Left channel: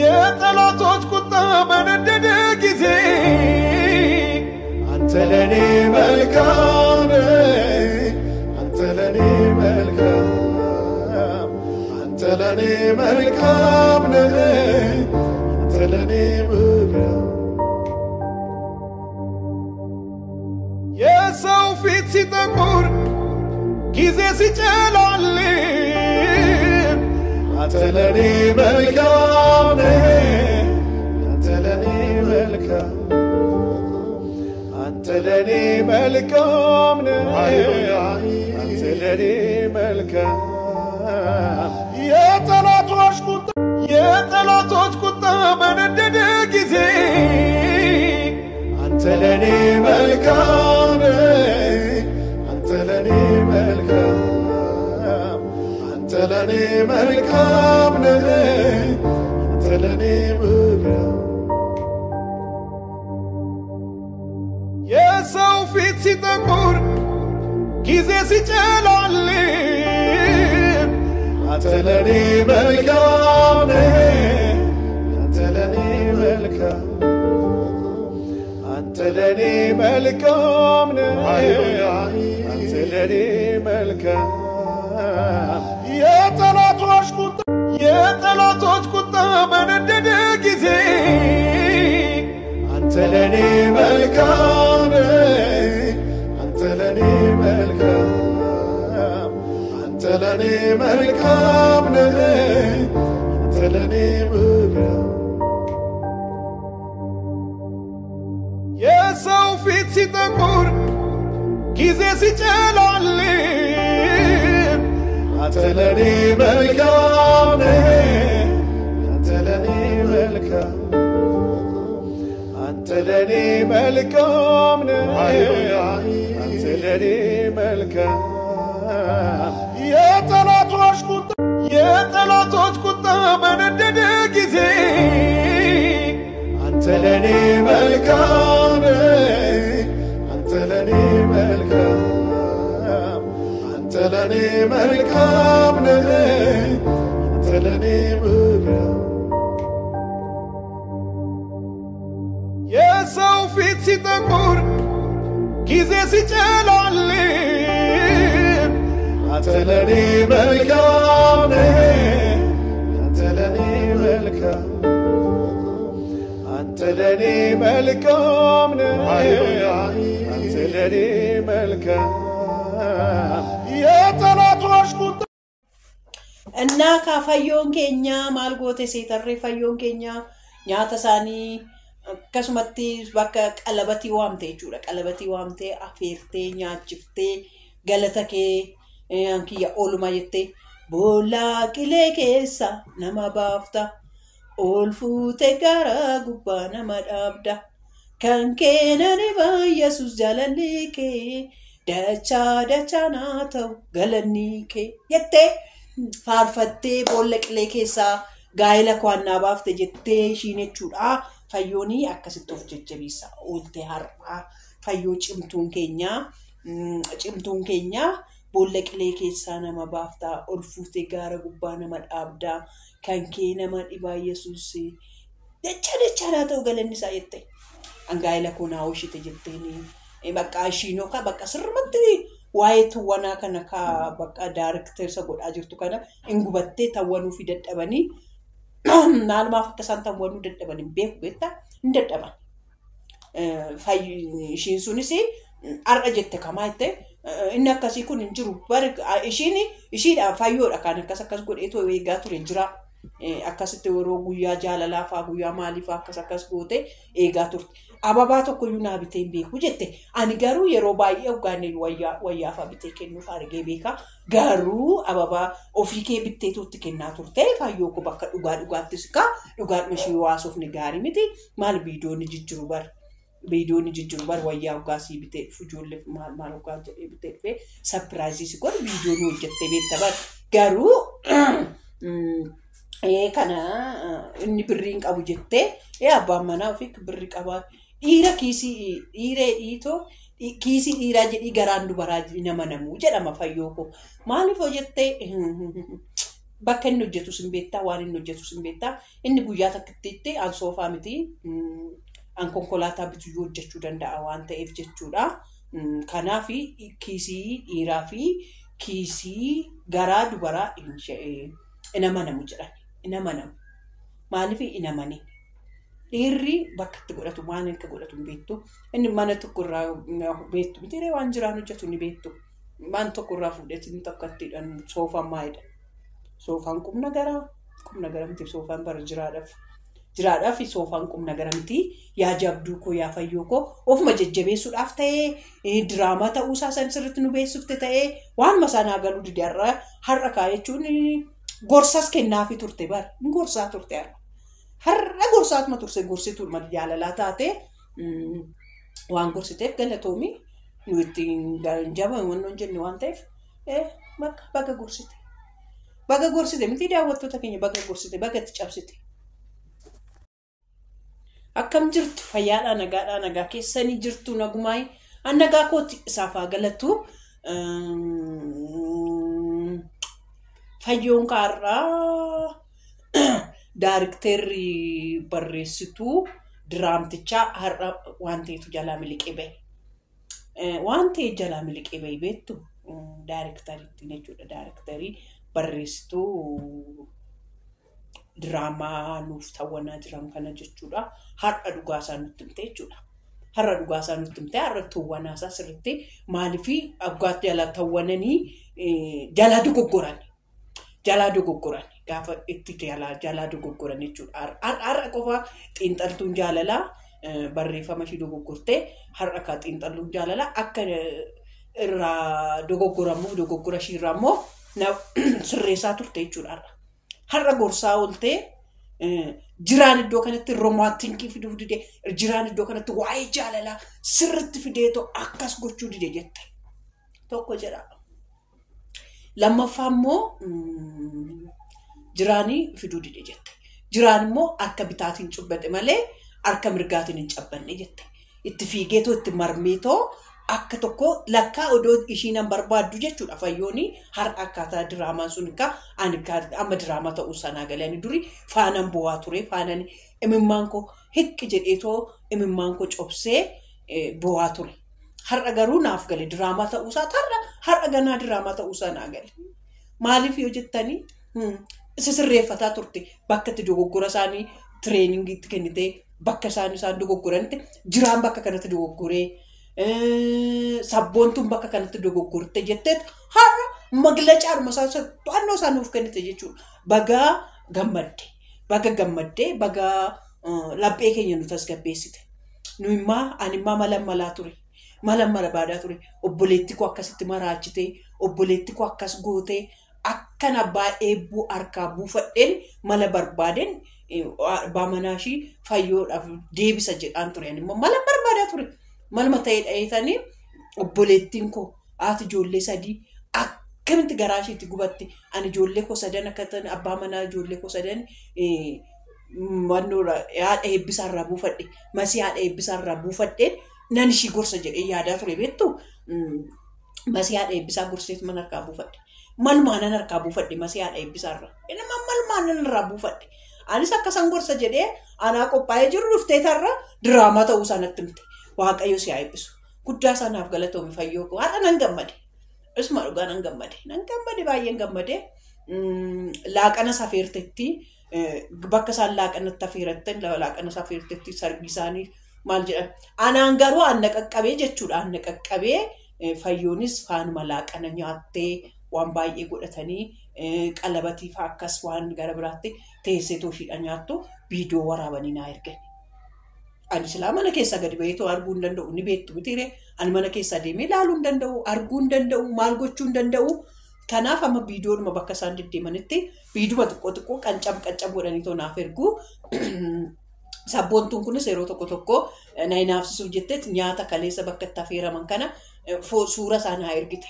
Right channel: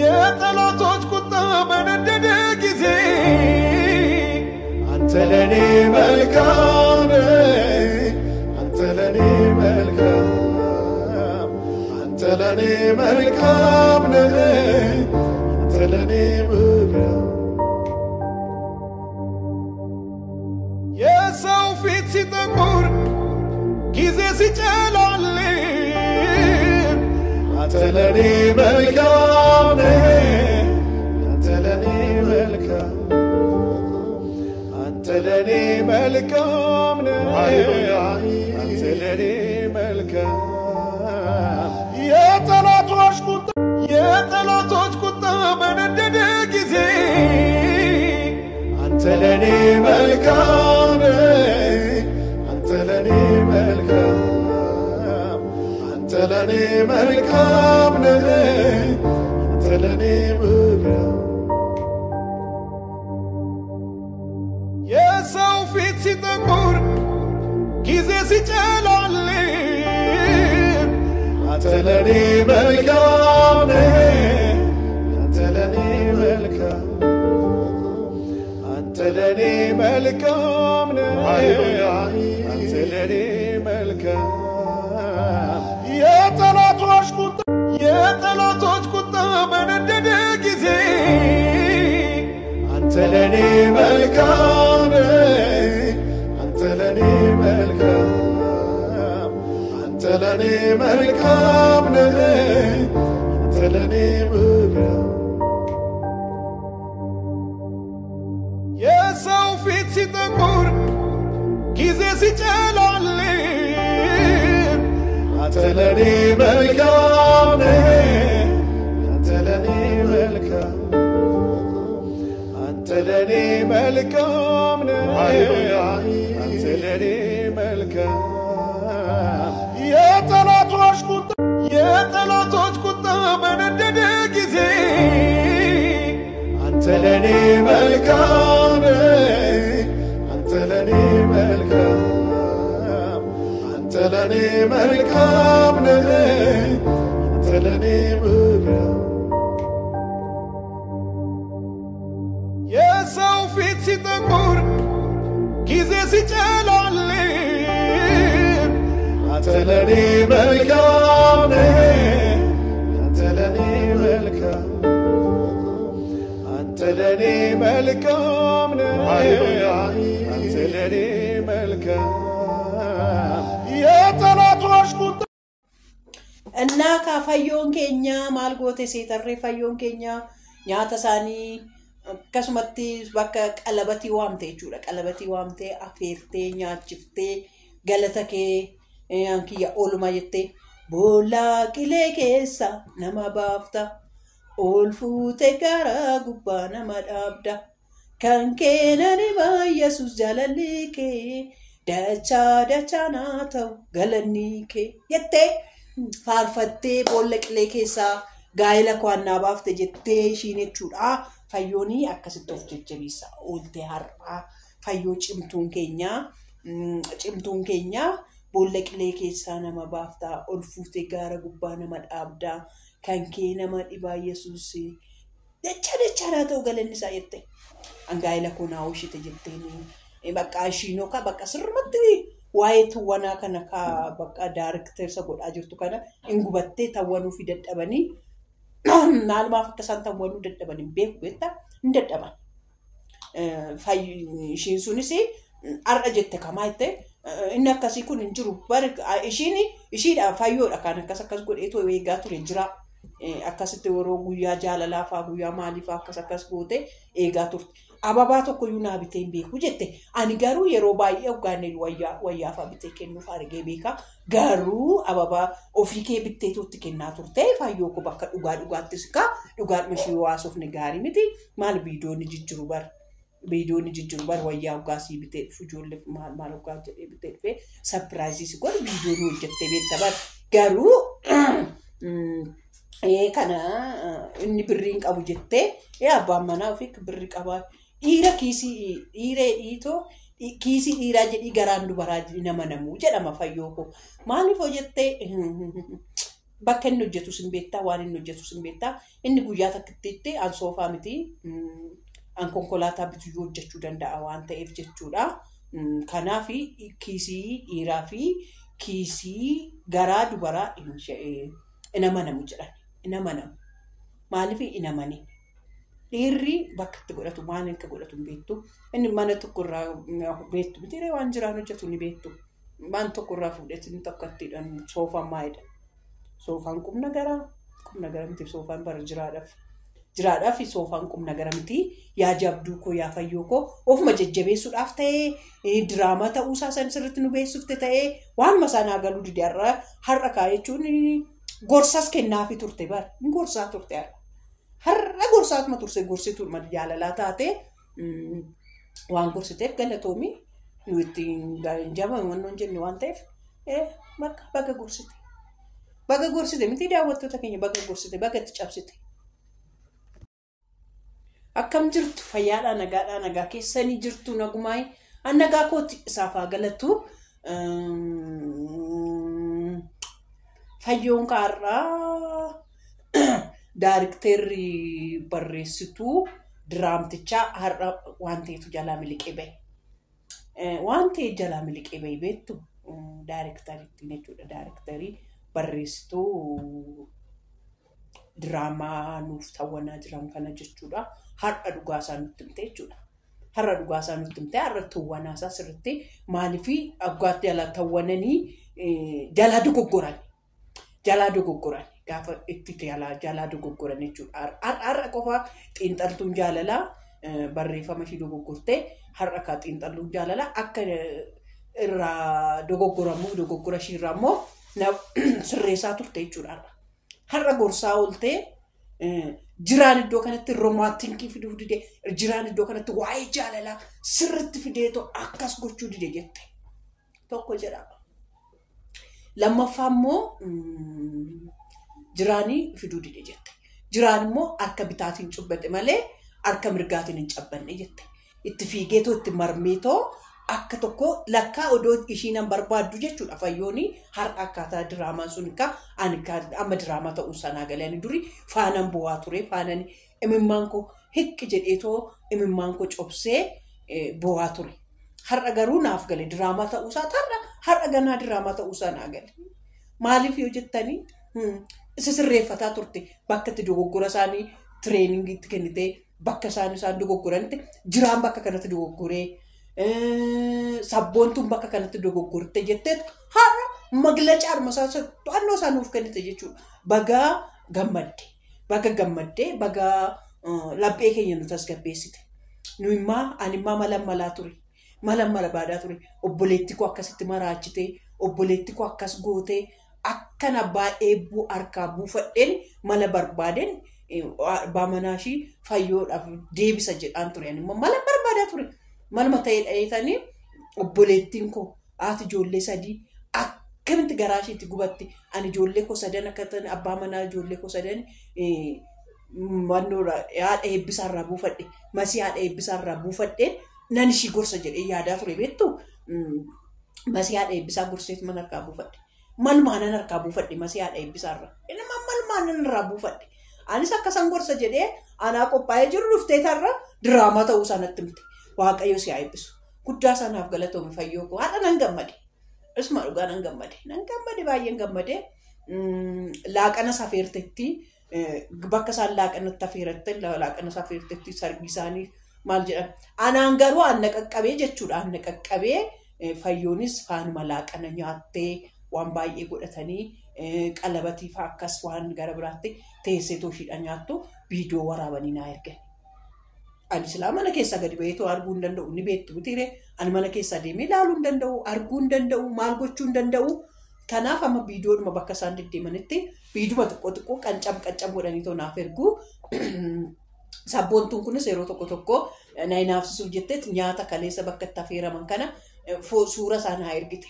የጠላቶች ቁጣ በነደደ ጊዜ አንተ ለኔ መልካም አንተ ለኔ መልካም አንተ ለኔ መልካም አንተ ለኔ መልካም የሰው ፊት ሲጠቁር ጊዜ ሲጨላልም አንተ ለኔ መልካም አንተ ለኔ መልካም አንተ ለኔ መልካም አንተ ለኔ መልካም የጠላቶች ቁጣ በነደደ ጊዜ አንተ ለኔ መልካም አንተ ለኔ መልካም አንተ ለኔ መልካም አንተ ለኔ መልካም የሰው ፊት ሲጠቁር ጊዜ ሲጨላልም አንተ ለኔ መልካም አንተ ለኔ መልካም አንተ ለኔ መልካም አንተ ለኔ መልካም የጠላቶች ቁጣ በነደደ ጊዜ አንተ ለኔ መልካም አንተ ለኔ መልካም አንተ ለኔ መልካም አንተ ለኔ መልካም የሰው ፊት ሲጠቁር ጊዜ ሲጨላልም አንተ ለኔ መልካም አንተ ለኔ መልካም አንተ ለኔ መልካም አንተ ለኔ መልካም የጠላቶች ቁጣ በነደደ ጊዜ አንተ ለኔ መልካም አንተ ለኔ መልካም አንተ ለኔ መልካም አንተ ለኔ መልካም የሰው ፊት ሲጠቁር ጊዜ ሲጨላልም አንተ ለኔ መልካም አንተ ለኔ መልካም አንተ ለኔ መልካም አንተ ለኔ መልካም የጠላቶች ቁጣ እና ካፋዮን ኬኛ ማልጎቴ ሴተሬ ፋዮን ኬኛ ኛተሳኒ ከስመቲ ባካ ቀለበቲ ዋምቴ ጁራ ቀለበቲ ዋምቴ አፌርቴ ኛችፍቴ ገለተኬ አንኪያ ኦልማ የቴ ቦላ ቂሌ ኬሳ ነማ ባፍታ ኦልፉቴ ጋራ ጉባ ነማ ዳብዳ ከንኬነኔ ባየሱስ ጃለሊኬ ደቻ ናተው ገለኒኬ የቴ ፋርፈቴ ቦላ ቂሌ ኬሳ ጋይላ ኳና ባፍተ ጀቴ ሺኔቹዳ ፋዮኒ አከስቶፍ ጀጀቢሳ ኦልቴ ሃርባ ፋዮ ጭምቱን ኬኛ ቦላ ቂሌ ኬሳ ነማ ባፍታ ኦልፉቴ ጋራ ጉባ ነማ ዳብዳ ከንኬ ነማ ዲባ ኢየሱስ ደቻ ናተው ገለኒሳ የቴ አንጋይላ ኮና ወሽተ ጀቴኒ በቃ ሺኖ ካ በቃ ስርመትሪ ዋይቱ ወና ከነካ በቃ ዳይሬክተር ሰጎዳ ጅርቱ ከና እንጉበቴ ታወኑ ፊደደበኒ ናልማ ፈከሳን ታወኑ ደደበኒ ቤት ቤታ እንደደባን ፋይ ሺንሱኒሲ አርጀክተ ከማይተ እናካሲ ኩን እንጅሩ ባረክ እሺዳ ፋዮ ዳካና ከሰከስ ጎዴቶ ወይጋቱ እንጅራ አካስተ ወሮ ጉያ ጃላላፋ ጉያ ማሊፋ ከሰከስ ጎቴ ኤጋቱ አባባ ተኮዩና ቢቴን ቤኩ ጀቴ አኒ ጋሩ የሮባይ ኡጋኔ ወያ ፋቢቴ ከኑ ፋርጌ ቤካ ጋሩ አባባ ኦፊኬ ቢቴቶት ከና ቱርቴ ፋዮኩ በቃ ዱጋትስካ ዱጋት መሺ ዋሶፍ ንጋሪ ሚቲ ማል ቪዲዮን ጅጅሩ በር ወያ ኡጋሲ ቢቴ ፉጆል ማል ኡጋጀ ቢቴ ፈ ሰርፕራይዝ ሲጎል ቪዲዮ ነው ጀቴ ቤት ተባር ጋሩ kana inni birrin qabu jette abba mana ofik birri qaba ira kisi ire ito kisi ira jedhi garandu baraji nama namu jedhama fayyoko maani fo jette bakka inni hojjetu sin beektaa waan inni hojjetu sin beektaa inni guyyaa takkittiitti an soofaa miti an konkolaataa bituu hojjechuu danda'a waan ta'eef jechuudha. Kanaaf kiisii dhiiraa fi kiisii garaa dubaraa in amanamu jedhan in amanamu maaliif in amanii dhiirri bakka itti godhatu waan inni godhatu hin beektu inni mana tokko irraa beektu miti waan jiraan hojjetu ni beektu waan tokko irraa fuudheetiin tokko ittiidhaan soofaan maayidha. Soofaan qubna gara miti soofaan bara jiraadhaaf soofaan qubna gara miti yaa jabduu koo yaa fayyoo koo ofuma jajjabeessuudhaaf ta'ee diraamaa ta'uusaa san sirriitti nu beeksifte ta'ee waan masaanaa galuu dide har'a kaayechuun gorsas kennaafi turte bara gorsaa turte har'a gorsaatuma turse gorsituu jaalalaa taate waan gorsiteef galatoomi nu ittiin jaba waan jenne waan ta'eef baga gorsite miti daawwattoota keenya baga gorsite baga itti cabsite. Akkam jirtu fayyaadhaa nagaa keessanii jirtu nagumaay an nagaa kooti isaafaa galatu fayyoon kaarraa daarikteerri barreessituu diraamtichaa har'a waan ta'etu jalaa miliqee bahe. Waan ta'e jalaa miliqee bahe beektu daarikteriitti jechuudha. Daarikterii barreessituu diraamaa nuuf tawwanaa jiran kana jechuudha. Har'a dhugaasaa nutti himte jechuudha. Har'a dhugaasaa nutti himte har'a tawwanaasaa sirriitti maaliifii aggaatti jalaa tawwananii jalaa dogoggoran gaafa itti jalaa dogoggoran jechuudha. Har'a qofa xiinxaltuun jaalalaa barreeffama ishii dogoggortee har'a kaa xiinxaltuun jaalalaa akka irraa dogoggora ishiirraa immoo sirreessaa turte jechuudha. Har'a gorsaa ooltee jiraan iddoo kanatti romaantiikii fiduuf dide jiraan iddoo kanatti waa'ee jaalalaa sirriitti fideetoo akkas gochuu dide jette tokko jedha. Lammaffaa immoo jiraanii fiduu dide jette. Jiraan immoo harka bitaatiin cubbate malee harka mirgaatiin hin cabbanne jette. Itti fiigeetoo itti marmeetoo akka tokko lakkaa odoo ishiin barbaaddu jechuudha. Fayyooni har'a akkaataa diraamaan sun amma diraamaa ta'uu sanaa galanii duri faanaan bu'aa ture faanaan imimmaan koo hiqqi jedheetoo imimmaan koo cobsee bu'aa ture. Har'a garuu naaf gale diraamaa ta'uusaa har'a ganaa diraamaa ta'uusaa naa gale. Maaliif yoo jettanii isa sirreeffataa turte bakka itti dogoggora isaanii tireeningiitti kennitee bakka isaan dogoggoranitti jiraan bakka kanatti dogoggoree sabboontuun bakka kanatti dogoggorte jetteet har'a maglacaa armasaa to'annoo isaa nuuf kennite jechuudha. Bagaa gammadde bagaa laphee keenya nu tasgabbeessite. Nu immaa ani immaa malammalaa ture. Malammala baadaa ture. Obboleetti koo akkasitti maraachite. Obboleetti koo akkas goote. Akkana baay'ee harkaa buufadheen mala barbaadeen abbaa manaashii fayyoodhaaf deebisa jedhaan ture. Ani immoo mala barbaadaa ture. Malma ta'ee dhaheetanii obboleettiin koo haati ijoollee sadii akkamitti garaa isheetti gubatti. Ani ijoollee koo sadan akka ta'an abbaa manaa ijoollee koo sadan wannoora haadha eebbisaarraa buufadhe. Masii haadha eebbisaarraa buufadheen nan ishii gorsa jedhee yaadaa ture beektu. Masii haadha eebbisaa gorseetu mana harkaa buufadhe. Malmaanan harkaa buufadhe masii haadha eebbisaarraa. Nama malmaanan irraa buufadhe. Anis akkasan gorsa jedhee anaa qophaa'ee jiru dhufteetarra diraamaa ta'uu sanatti himte. Waaqayyo si haa eebbisu. Guddaa sanaaf galatoome fayyoo koo. Har'a nan gammade. Isuma dhugaa nan gammade. Nan gammade baay'een gammade. Laaqana safeertetti bakka isaan laaqanatti afeerattan laaqana safeertetti sarbii isaanii maal jedhan. Anaan garuu anna qaqqabee jechuudha. Anna qaqqabee fayyoonis faanuma laaqana nyaattee waan baay'ee godhatanii qalabatiif akkas waan gara biraatti teessee tooshiidha nyaattu viidiyoo waraabanii naa ergan. Ani silaa mana keessa gadi baheetoo arguu hin danda'u ni beektu mitiire ani mana keessa deemee ilaaluu hin danda'u arguu hin danda'u maal gochuu hin danda'u. Kanaaf amma viidiyoodhuma bakka isaan deddeemanitti viidiyuma xiqqoo qancam godhaniitoo naaf ergu. Sabboontuun kunis yeroo tokko na hinaafsisuuf jetteet nyaata kaleessa bakka itti affeeraman kana suura isaanii ergite.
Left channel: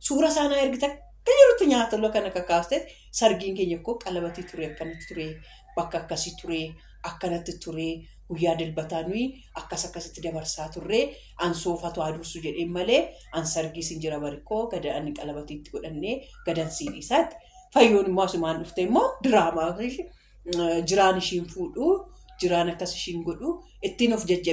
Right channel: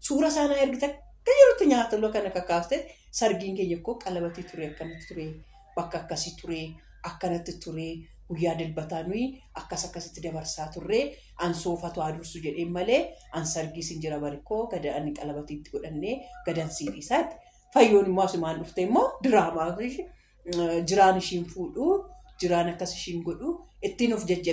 Suura isaanii ergite akka jirutti nyaata lola kana kakaasteet sargiin keenya koo qalabatii ture akkanatti ture bakka akkasii ture akkanatti ture. Guyyaa dilbataa nuyi akkasitti dabarsaa turre an soofatu adursu jedheen malee an sargii sin jira barikoo gada ani qalabatiitti godhannee gadan siidhisaatti fayyoon immoo asumaan dhufte immoo diraamaa jiraan ishiin fuudhu jiraan akkas ishiin godhu ittiin of jajjabeessu.